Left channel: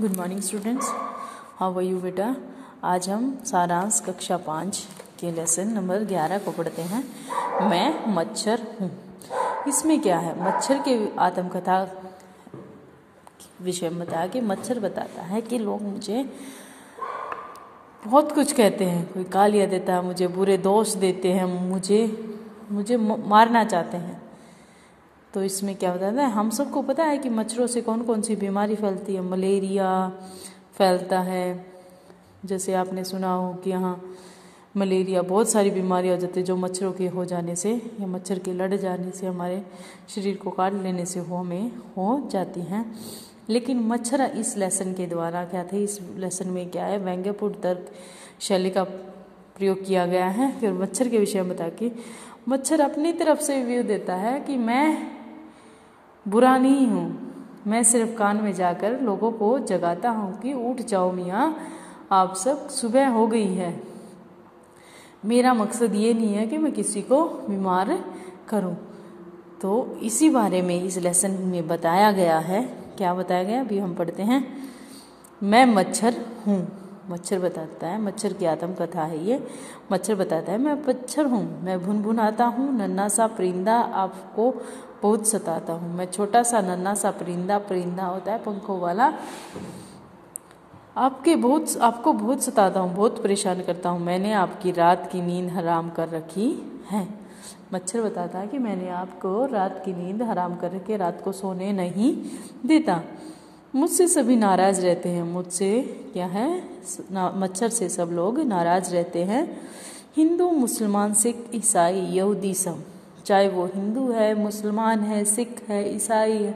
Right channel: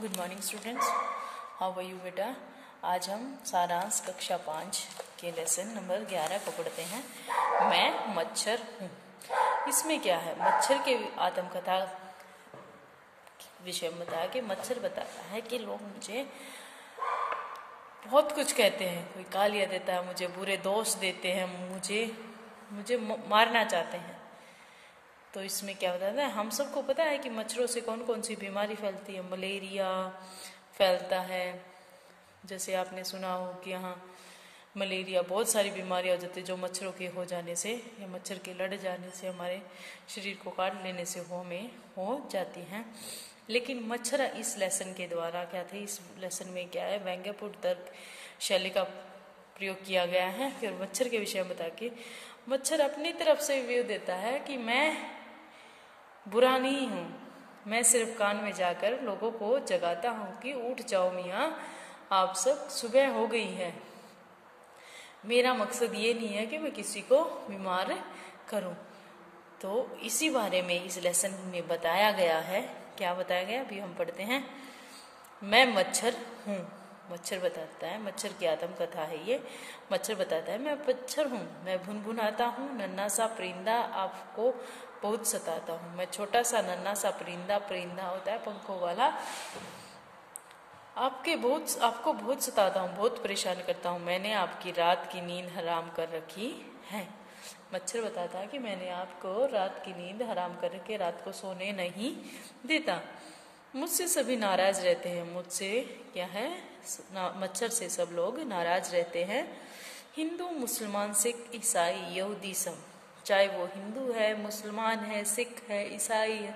Good morning students, how are you बेटा। आज हम सारांश कक्षा 5 के लेसन नंबर 11 को पढ़ते हैं। मैं मच्छर हूँ। इसमें क्या है, मच्छर के आत्मकथा विषय में बताया कि मच्छर बताता है कि लोग मुझे बहुत कुछ कहते हैं। कोई गालियाँ देता है, मुझे बुरे दोष देते हैं, मुझे मारना चाहते हैं। तो इसमें क्या बताता है, हम सबको पता है कि मच्छरों से कौन कौन सी बीमारी फैलती है। मलेरिया फैलता है, जैसे आपने सुना हो कि यहाँ मलेरिया, बहुत सारी बीमारियाँ हो जाती है जो मच्छरों के हो जाने से या मच्छर के लड़ जाने से, हमारे शरीर को काट लेने से हमें हो जाती हैं। लेकिन मच्छर इस लेसन के द्वारा क्या थे, इस लेसन में क्या है, व्यंग्यपूर्ण तर्क शैली का प्रयोग किया गया है। फिर मच्छर के विषय में बता कि मच्छर अपनी तरफ से व्यू देता है कि मैं बुरा नहीं हूँ, मैं सिर्फ कान में जाकर लोगों को जगाता हूँ कि उठ जाओ मियाँ, आप सब, सुबह हो गई है। मेरा मकसद ये नहीं है कि मैं किसी को बीमार करूँ। तो इसी बारे में इस लेसन में बताया गया है। क्या बताया गया, अभी हम पढ़ते हैं। मैं मच्छर हूँ। मच्छर बताता है, मच्छर की आत्मकथा है ये। मच्छर बताता है मैं मच्छर हूँ, मैं भुनभुनाता हूँ, नन्हा सा परिंदा आपको बहुत सताता हूँ। मैं छोटा सा नन्हा सा परिंदा, परिंदा होता है पंखों वाला, आपको बहुत सताता हूँ, बहुत परेशान करता हूँ। मैंने आपकी रात की नींद हराम कर रखी है। मच्छर बताता है कि मैंने आपको रात की नींद हराम कर रखी है, रात को सोने नहीं देता। मुझसे सभी नाराज रहते हैं। मुझसे क्या है, मच्छर से सब लोग नाराज रहते हैं। हिंदू, मुसलमान, सिख, ईसाई, यहूदी, सब, चाहे वो हिंदू है, मुसलमान है, सिख है, ईसाई है,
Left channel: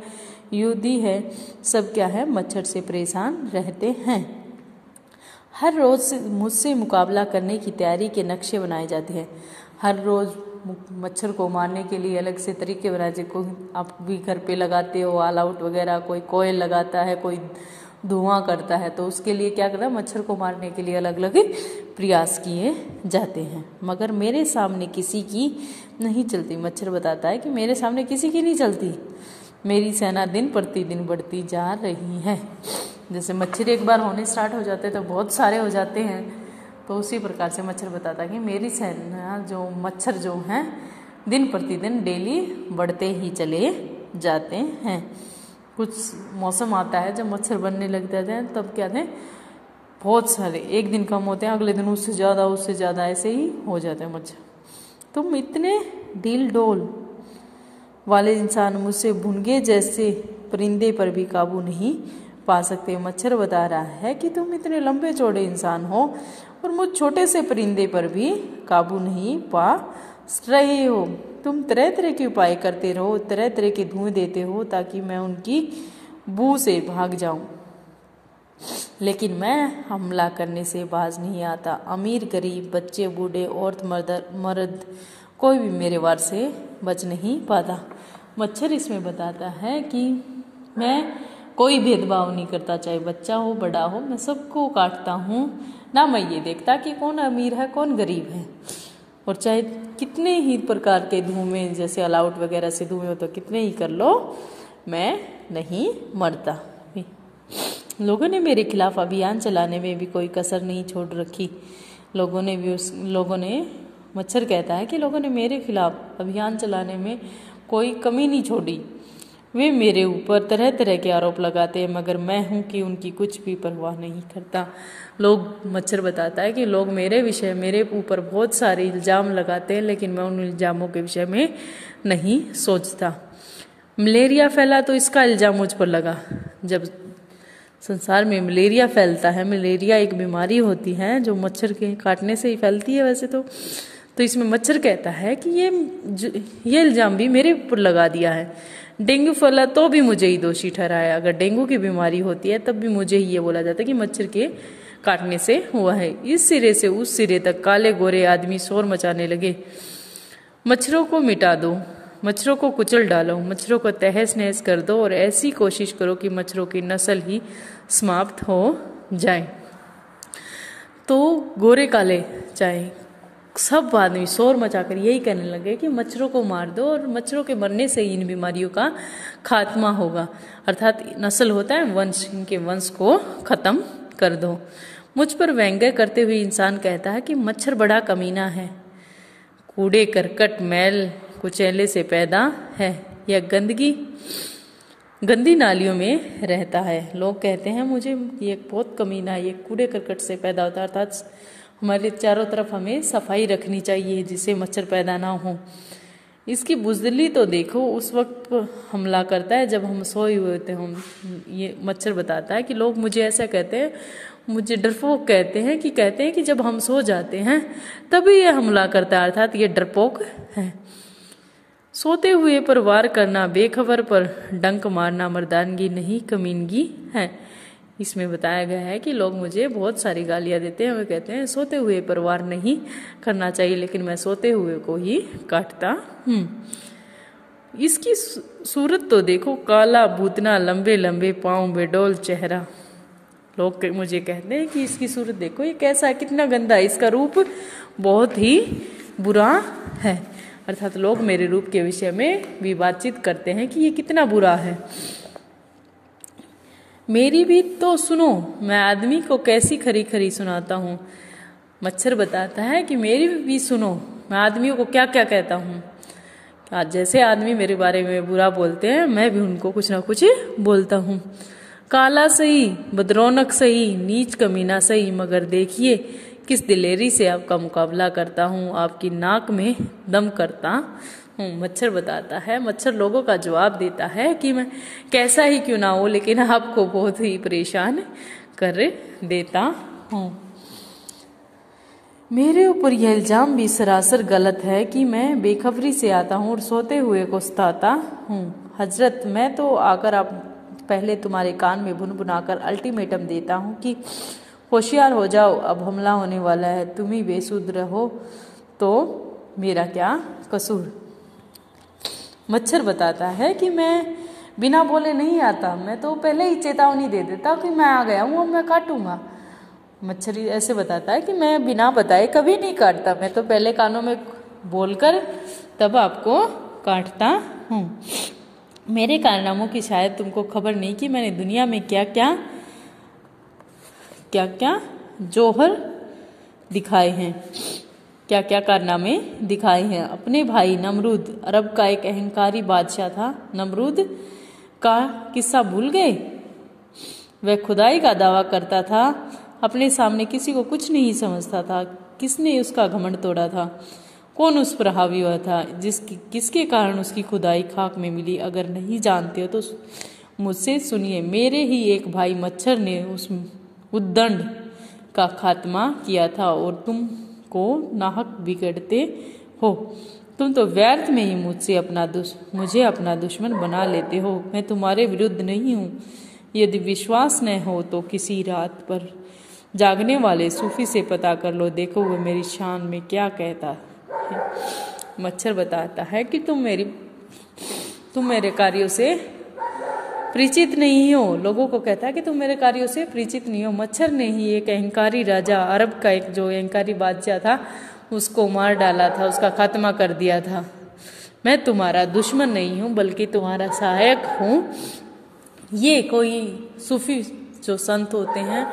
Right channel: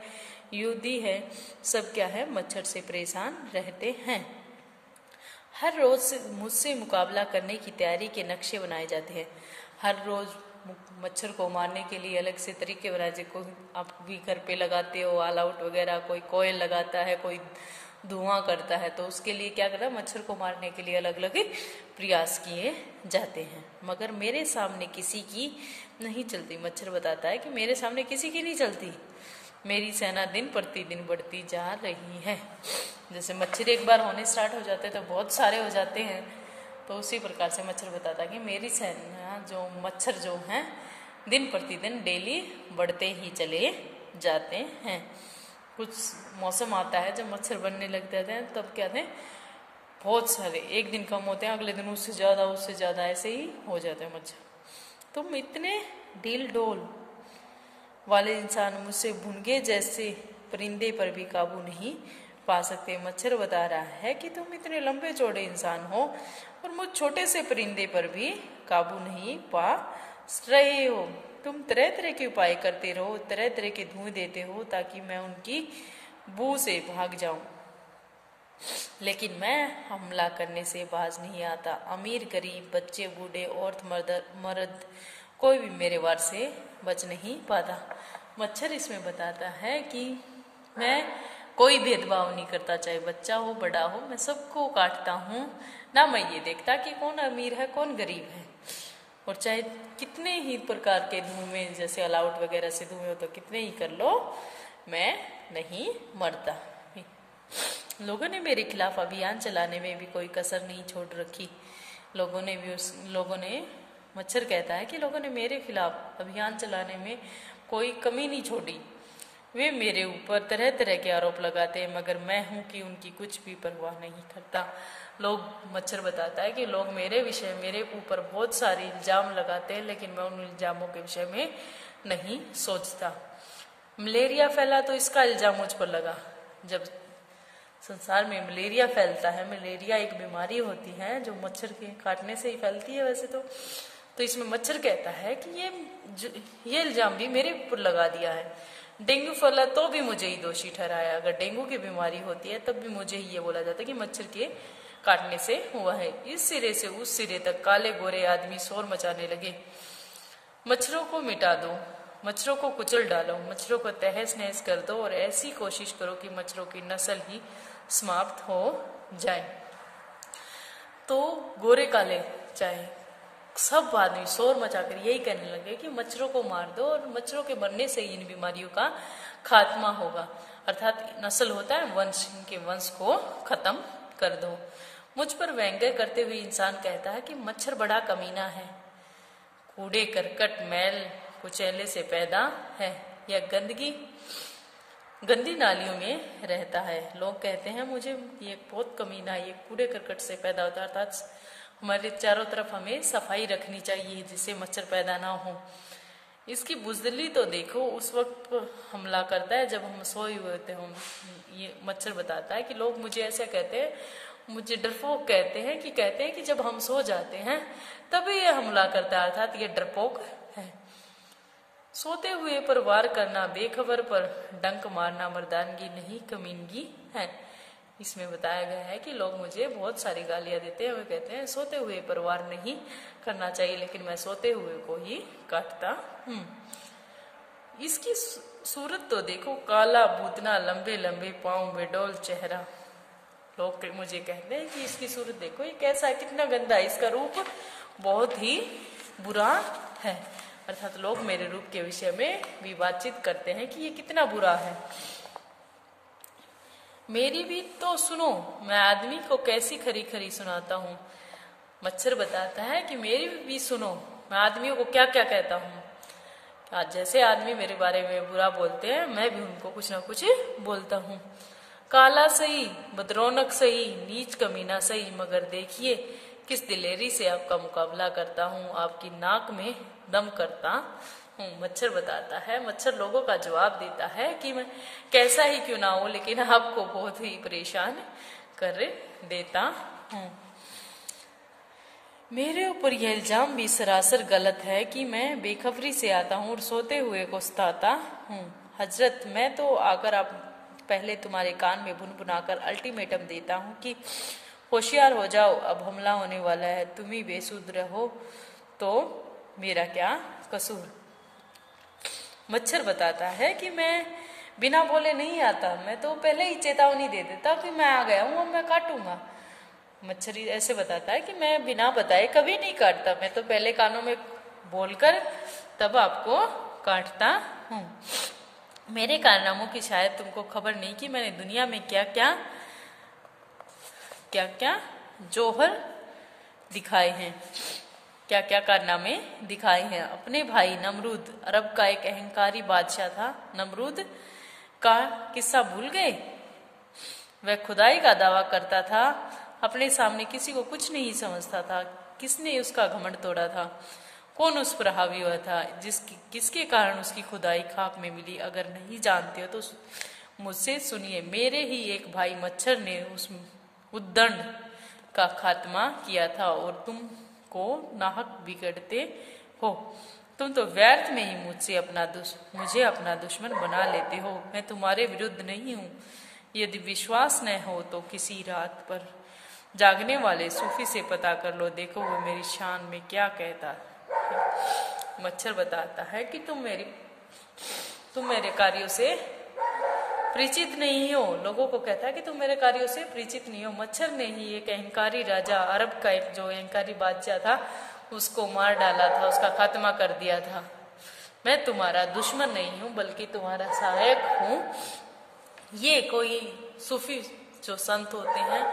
यहूदी है, सब क्या है, मच्छर से परेशान रहते हैं। हर रोज मुझसे मुकाबला करने की तैयारी के नक्शे बनाए जाते हैं। हर रोज मच्छर को मारने के लिए अलग से तरीके बनाए जाते। कोई आप भी घर पे लगाते हो ऑल आउट वगैरह, कोई कोयल लगाता है, कोई धुआं करता है। तो उसके लिए क्या करना, मच्छर को मारने के लिए अलग अलग प्रयास किए जाते हैं। मगर मेरे सामने किसी की नहीं चलती। मच्छर बताता है कि मेरे सामने किसी की नहीं चलती। मेरी सेना दिन प्रतिदिन बढ़ती जा रही है। जैसे मच्छर एक बार होने स्टार्ट हो जाते हैं तो बहुत सारे हो जाते हैं, तो उसी प्रकार से मच्छर बताता है कि मेरी सेना, जो मच्छर जो हैं, दिन प्रतिदिन डेली बढ़ते ही चले जाते हैं। कुछ मौसम आता है जब मच्छर बनने लग जाते हैं, तब क्या थे, बहुत सारे, एक दिन कम होते हैं, अगले दिन उससे ज़्यादा ऐसे ही हो जाते हैं मच्छर। तुम इतने ढील डोल वाले इंसान मुझसे भुनगे जैसे परिंदे पर भी काबू नहीं पा सकते। मच्छर बता रहा है कि तुम इतने लंबे चौड़े इंसान हो और मुझ छोटे से परिंदे पर भी काबू नहीं पा रहे हो। तुम तरह तरह के उपाय करते रहो, तरह तरह के धुएं देते हो ताकि मैं उनकी बू से भाग जाऊं, लेकिन मैं हमला करने से बाज नहीं आता। अमीर, गरीब, बच्चे, बूढ़े, औरत, मर्द, कोई भी मेरे वार से बच नहीं पाता। मच्छर इसमें बताता है कि मैं कोई भेदभाव नहीं करता, चाहे बच्चा हो बड़ा हो, मैं सबको काटता हूँ। ना मैं ये देखता कि कौन अमीर है कौन गरीब है। और चाहे कितने ही प्रकार के धुएं, जैसे अलाउट वगैरह से धुएं हो तो कितने ही कर लो, मैं नहीं मरता। लोगों ने मेरे खिलाफ अभियान चलाने में भी कोई कसर नहीं छोड़ रखी। मच्छर कहता है कि लोगों ने मेरे खिलाफ अभियान चलाने में कोई कमी नहीं छोड़ी। वे मेरे ऊपर तरह तरह के आरोप लगाते हैं, मगर मैं हूं कि उनकी कुछ भी परवाह नहीं करता। मच्छर बताता है कि लोग मेरे ऊपर बहुत सारे इल्जाम लगाते हैं, लेकिन मैं उन इल्जामों के विषय में नहीं सोचता। मलेरिया फैला तो इसका इल्जाम मुझ पर लगा। जब संसार में मलेरिया फैलता है, मलेरिया एक बीमारी होती है जो मच्छर के काटने से ही फैलती है वैसे तो इसमें मच्छर कहता है कि ये इल्जाम भी मेरे ऊपर लगा दिया है। डेंगू फैला तो भी मुझे ही दोषी ठहराया। अगर डेंगू की बीमारी होती है तब भी मुझे ही ये बोला जाता है कि मच्छर के काटने से हुआ है। इस सिरे से उस सिरे तक काले गोरे आदमी शोर मचाने लगे। मच्छरों को मिटा दो, मच्छरों को कुचल डालो, मच्छरों को तहस नहस कर दो और ऐसी कोशिश करो कि मच्छरों की नस्ल ही समाप्त हो जाए। तो गोरे काले चाहे सब आदमी शोर मचाकर यही कहने लगे कि मच्छरों को मार दो और मच्छरों के मरने से इन बीमारियों का खात्मा होगा। अर्थात नस्ल होता है वंश, इनके वंश को खत्म कर दो। मुझ पर व्यंग्य करते हुए इंसान कहता है कि मच्छर बड़ा कमीना है, कूड़े करकट मैल कुचैले से पैदा है, यह गंदी नालियों में रहता है। लोग कहते हैं मुझे ये बहुत कमीना, ये कूड़े करकट से पैदा होता है, अर्थात हमारे चारों तरफ हमें सफाई रखनी चाहिए जिससे मच्छर पैदा ना हो। इसकी बुजदली तो देखो, उस वक्त हमला करता है जब हम सोए हुए होते हैं। ये मच्छर बताता है कि लोग मुझे ऐसा कहते हैं, मुझे डरपोक कहते हैं कि जब हम सो जाते हैं तभी ये हमला करता है, अर्थात ये डरपोक है। सोते हुए पर वार करना, बेखबर पर डंक मारना मर्दानगी नहीं कमीनगी है। इसमें बताया गया है कि लोग मुझे बहुत सारी गालियां देते हैं, वे कहते हैं सोते हुए पर वार नहीं करना चाहिए, लेकिन मैं सोते हुए को ही काटता हूँ। इसकी सूरत तो देखो, काला भूतना, लंबे लंबे पांव, बेडोल चेहरा। लोग मुझे कहते हैं कि इसकी सूरत देखो, ये कैसा है, कितना गंदा है, इसका रूप बहुत ही बुरा है। अर्थात लोग मेरे रूप के विषय में भी बातचीत करते हैं कि ये कितना बुरा है। मेरी भी तो सुनो, मैं आदमी को कैसी खरी खरी सुनाता हूँ। मच्छर बताता है कि मेरी भी सुनो, मैं आदमियों को क्या क्या कहता हूँ। जैसे आदमी मेरे बारे में बुरा बोलते हैं, मैं भी उनको कुछ ना कुछ बोलता हूँ। काला सही, बदरौनक सही, नीच कमीना सही, मगर देखिए किस दिलेरी से आपका मुकाबला करता हूँ, आपकी नाक में दम करता हूँ। मच्छर बताता है, मच्छर लोगों का जवाब देता है कि मैं कैसा ही क्यों ना हो, लेकिन आपको बहुत ही परेशान कर देता हूँ। मेरे ऊपर यह इल्जाम भी सरासर गलत है कि मैं बेखबरी से आता हूँ और सोते हुए को सताता हूँ। हजरत, मैं तो आकर आप पहले तुम्हारे कान में भुनभुनाकर अल्टीमेटम देता हूँ कि होशियार हो जाओ, अब हमला होने वाला है, तुम ही बेसुध रहो तो मेरा क्या कसूर। मच्छर बताता है कि मैं बिना बोले नहीं आता, मैं तो पहले ही चेतावनी दे देता कि मैं आ गया हूँ, अब मैं काटूंगा। मच्छर ऐसे बताता है कि मैं बिना बताए कभी नहीं काटता, मैं तो पहले कानों में बोलकर तब आपको काटता हूँ। मेरे कारनामों की शायद तुमको खबर नहीं कि मैंने दुनिया में क्या क्या जौहर दिखाए हैं, क्या क्या कारनामे दिखाए हैं। अपने भाई नमरूद, अरब का एक अहंकारी बादशाह था। नमरूद का किस्सा भूल गए? वह खुदाई का दावा करता था, अपने सामने किसी को कुछ नहीं समझता था। किसने उसका घमंड तोड़ा था? कौन उस पर हावी हुआ था? किसके कारण उसकी खुदाई खाक में मिली? अगर नहीं जानते हो तो मुझसे सुनिए। मेरे ही एक भाई मच्छर ने उस उद्दंड का खात्मा किया था और तुम को नाहक बिगड़ते हो। तुम तो व्यर्थ में ही मुझे अपना दुश्मन बना लेते हो। मैं तुम्हारे विरुद्ध नहीं हूँ। यदि विश्वास न हो तो किसी रात पर जागने वाले सूफी से पता कर लो, देखो वो मेरी शान में क्या कहता है। मच्छर बताता है कि तुम मेरे कार्यों से परिचित नहीं हो। लोगों को कहता है कि तुम मेरे कार्यों से परिचित नहीं हो। मच्छर ने ही एक अहंकारी राजा, अरब का एक जो अहंकारी बादशाह था, उसको मार डाला था, उसका खात्मा कर दिया था। मैं तुम्हारा दुश्मन नहीं हूँ बल्कि तुम्हारा सहायक हूँ। ये कोई सूफी जो संत होते हैं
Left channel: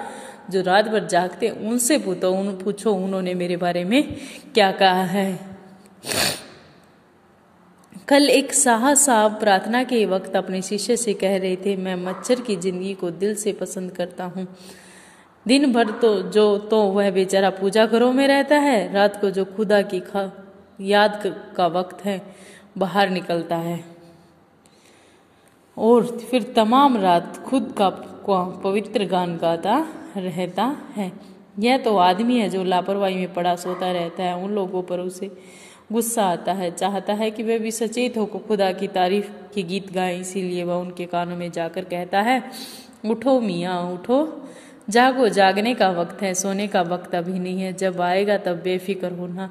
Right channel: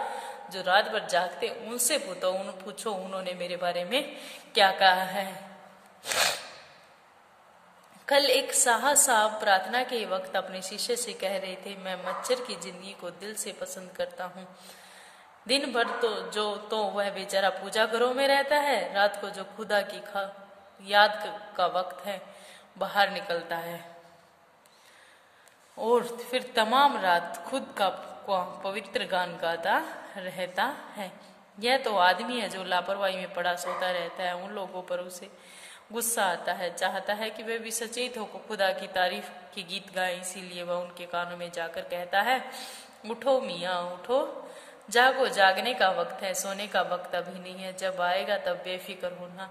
जो रात भर जागते, उनसे पूछो उन्होंने मेरे बारे में क्या कहा है। कल एक साहब प्रार्थना के वक्त अपने शिष्य से कह रहे थे, मैं मच्छर की जिंदगी को दिल से पसंद करता हूँ। दिन भर तो वह बेचारा पूजा घरों में रहता है, रात को जो खुदा की याद का वक्त है बाहर निकलता है और फिर तमाम रात खुद का पवित्र गान गाता रहता है। यह तो आदमी है जो लापरवाही में पड़ा सोता रहता है। उन लोगों पर उसे गुस्सा आता है, चाहता है कि वे भी सचेत होकर खुदा की तारीफ के गीत गाएं। इसीलिए वह उनके कानों में जाकर कहता है, उठो मियाँ उठो, जागो, जागने का वक्त है, सोने का वक्त अभी नहीं है। जब आएगा तब बेफिक्र होना,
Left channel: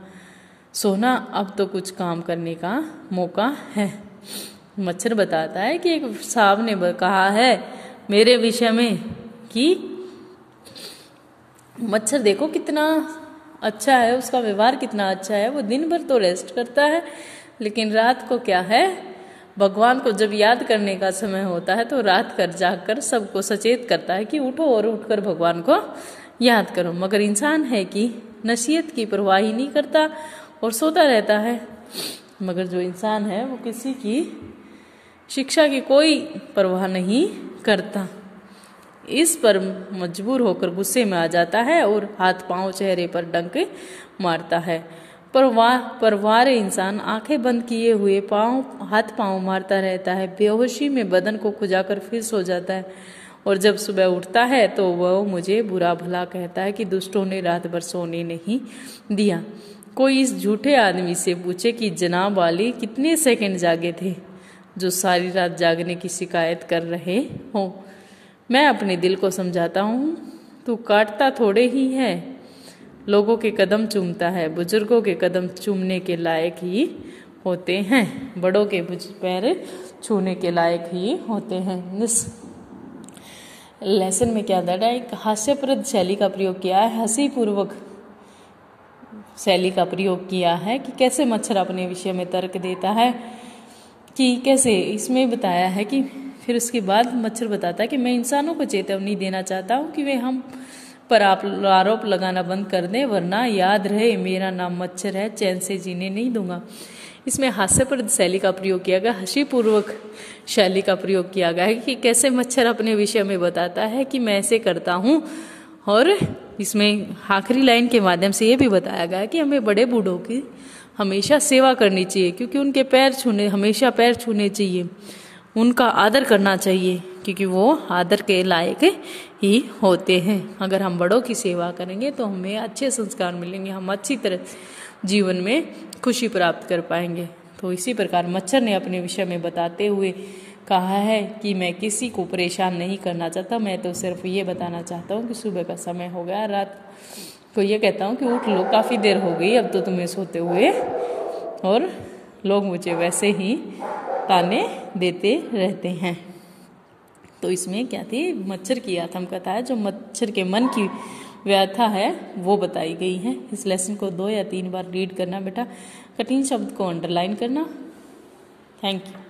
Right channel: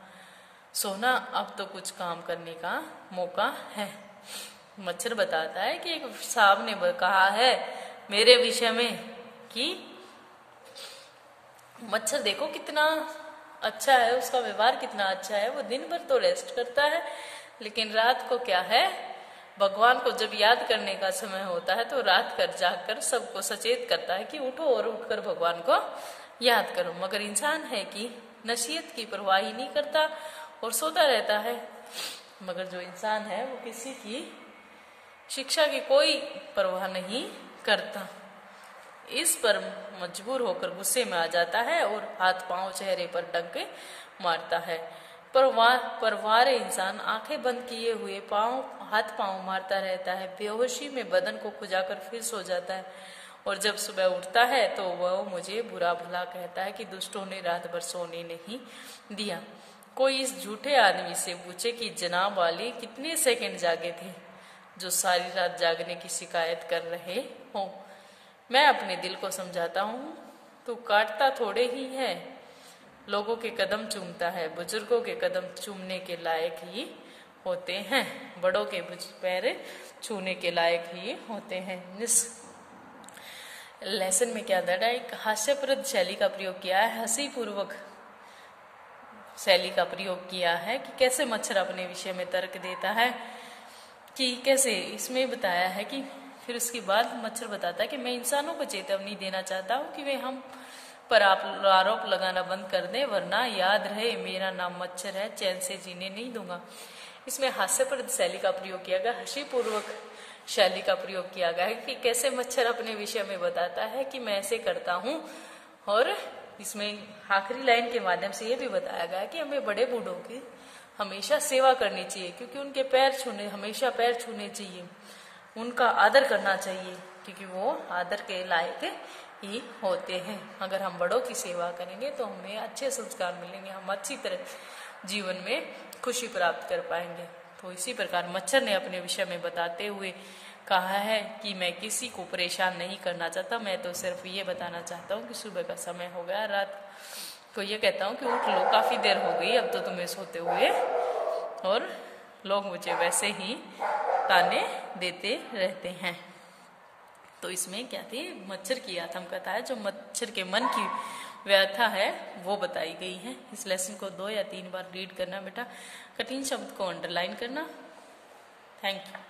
सोना अब तो कुछ काम करने का मौका है। मच्छर बताता है कि एक साहब ने कहा है मेरे विषय में कि मच्छर देखो कितना अच्छा है, उसका व्यवहार कितना अच्छा है। वो दिन भर तो रेस्ट करता है लेकिन रात को क्या है, भगवान को जब याद करने का समय होता है तो रात कर जाकर सबको सचेत करता है कि उठो और उठकर भगवान को याद करो। मगर इंसान है कि नसीहत की परवाह ही नहीं करता और सोता रहता है। मगर जो इंसान है वो किसी की शिक्षा की कोई परवाह नहीं करता। इस पर मजबूर होकर गुस्से में आ जाता है और हाथ पांव चेहरे पर डंक मारता है। परवार इंसान आंखें बंद किए हुए हाथ पांव मारता रहता है। बेहोशी में बदन को खुजाकर फिर सो जाता है और जब सुबह उठता है तो वह मुझे बुरा भला कहता है कि दुष्टों ने रात भर सोने नहीं दिया। कोई इस झूठे आदमी से पूछे कि जनाब वाली कितने सेकंड जागे थे जो सारी रात जागने की शिकायत कर रहे हो। मैं अपने दिल को समझाता हूँ, तू काटता थोड़े ही है, लोगों के कदम चूमता है, बुजुर्गों के कदम चूमने के लायक ही होते हैं, बड़ों के पैर छूने के लायक ही होते हैं। इस लेसन में क्या दर्ज है? एक हास्यप्रद शैली का प्रयोग किया है, हंसी पूर्वक शैली का प्रयोग किया है कि कैसे मच्छर अपने विषय में तर्क देता है, कि कैसे इसमें बताया है कि फिर उसके बाद मच्छर बताता है कि मैं इंसानों को चेतावनी देना चाहता हूँ कि वे हम पर आरोप लगाना बंद कर दें, वरना याद रहे मेरा नाम मच्छर है, चैन से जीने नहीं दूंगा। इसमें हास्यप्रद शैली का प्रयोग किया गया, हंसी पूर्वक शैली का प्रयोग किया गया है कि कैसे मच्छर अपने विषय में बताता है कि मैं ऐसे करता हूँ। और इसमें आखिरी लाइन के माध्यम से ये भी बताया गया है कि हमें बड़े बूढ़ों की हमेशा सेवा करनी चाहिए, क्योंकि उनके हमेशा पैर छूने चाहिए, उनका आदर करना चाहिए, क्योंकि वो आदर के लायक ही होते हैं। अगर हम बड़ों की सेवा करेंगे तो हमें अच्छे संस्कार मिलेंगे, हम अच्छी तरह जीवन में खुशी प्राप्त कर पाएंगे। तो इसी प्रकार मच्छर ने अपने विषय में बताते हुए कहा है कि मैं किसी को परेशान नहीं करना चाहता, मैं तो सिर्फ ये बताना चाहता हूँ कि सुबह का समय हो गया, रात को ये कहता हूँ कि उठ लो, काफ़ी देर हो गई अब तो तुम्हें सोते हुए। और लोग मुझे वैसे ही ताने देते रहते हैं। तो इसमें क्या थी? मच्छर की आत्मकथा है, जो मच्छर के मन की व्यथा है वो बताई गई है। इस लेसन को 2 या 3 बार रीड करना बेटा, कठिन शब्द को अंडरलाइन करना। Thank you.